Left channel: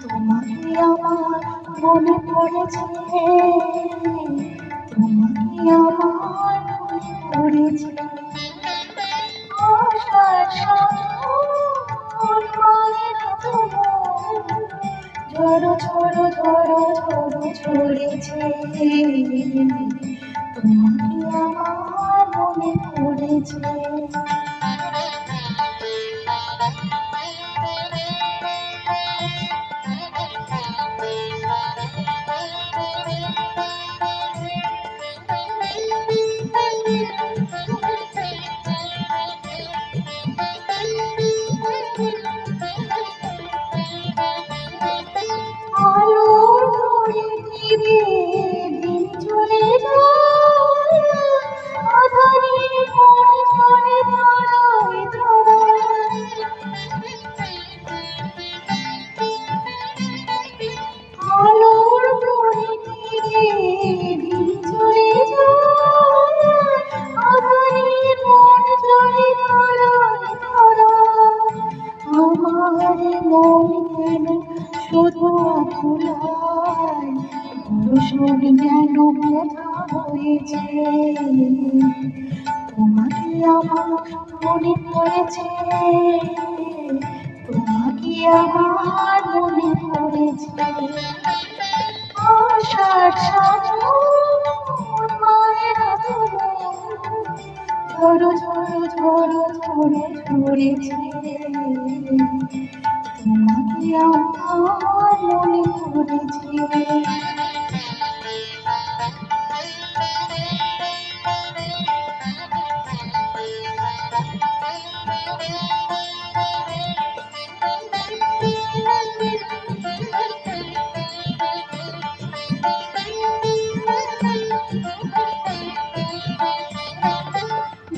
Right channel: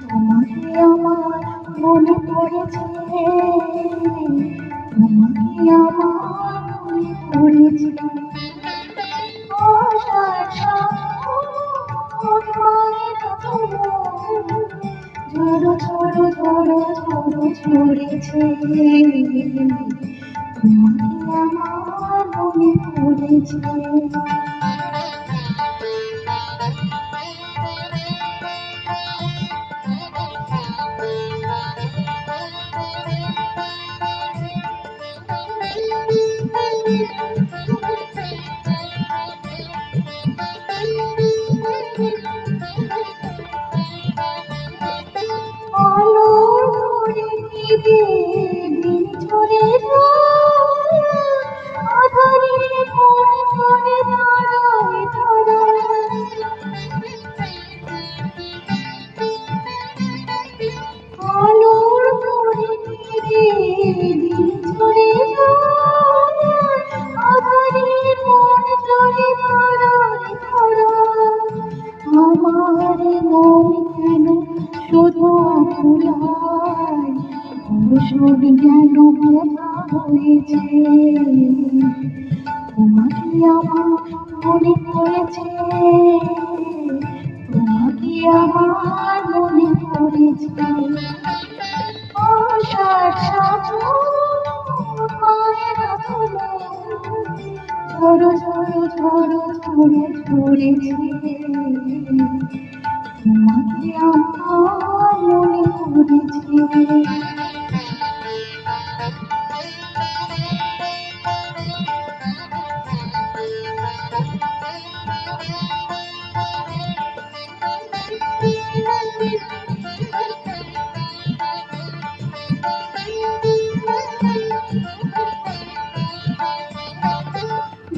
তোমাকে আমার মনে পড়েছে, তোমাকে আমার মনে পড়েছে। আশার সাগরের মতো ঝড়ো ঝড়ো ঝড়ো ঝড়ো ঝরেছে, তোমাকে আমার মনে পড়েছে। আলোর ঘরে ফিরে দিন চলে যায়, আঁধারে পড়ে চলে ধরায় ধরায়। আলোর ঘরে ফিরে দিন চলে যায়, আঁধারে পড়ে চলে ধরায় ধরায়। আমার মন কেন শুধু আকুলায়, ভরসন যেন কোথা হয়েছে, তোমাকে আমার মনে পড়েছে, তোমাকে আমার মনে পড়েছে। আশার সাগর মায়ের আদরে ঝড়ো ঝড়ো ঝড়ো ঝড়ো ঝরেছে, তোমাকে আমার মনে পড়েছে।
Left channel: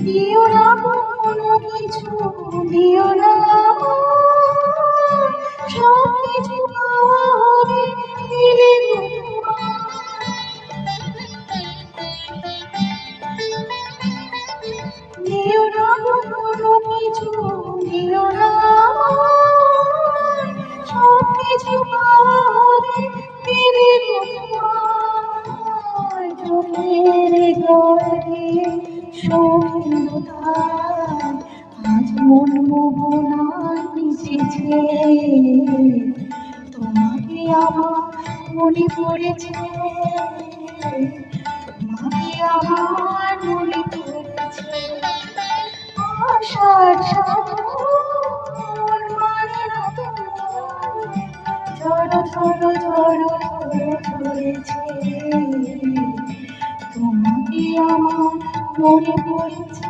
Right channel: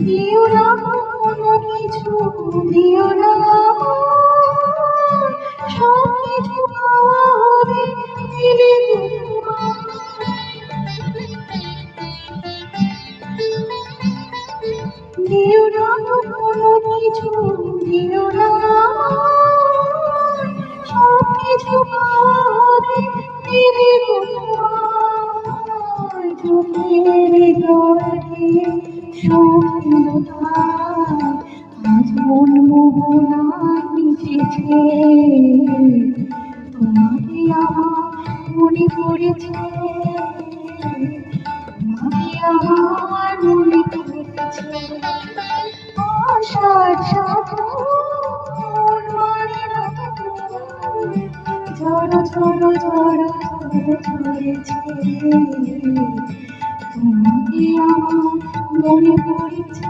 দিও না কোনো কিছু, দিও না সব কিছু পাওয়া হবে দিলে তোমার। দিও না কোনো কিছু, দিও না সব কিছু পাওয়া হবে দিলে তোমার। চোখের জলে সৌন্দর্য আজ মন মোহনায় মিশেছে, তোমাকে আমার মনে পড়েছে, তোমাকে আমার মনে পড়েছে। আশার সাগর মায়ের আদরে ঝড়ো ঝড়ো ঝড়ো ঝড়ো ঝরেছে, তোমাকে আমার মনে পড়েছে,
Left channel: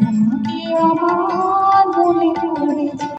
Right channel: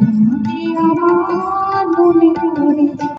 তোমাকে আমার মনে পড়েছে।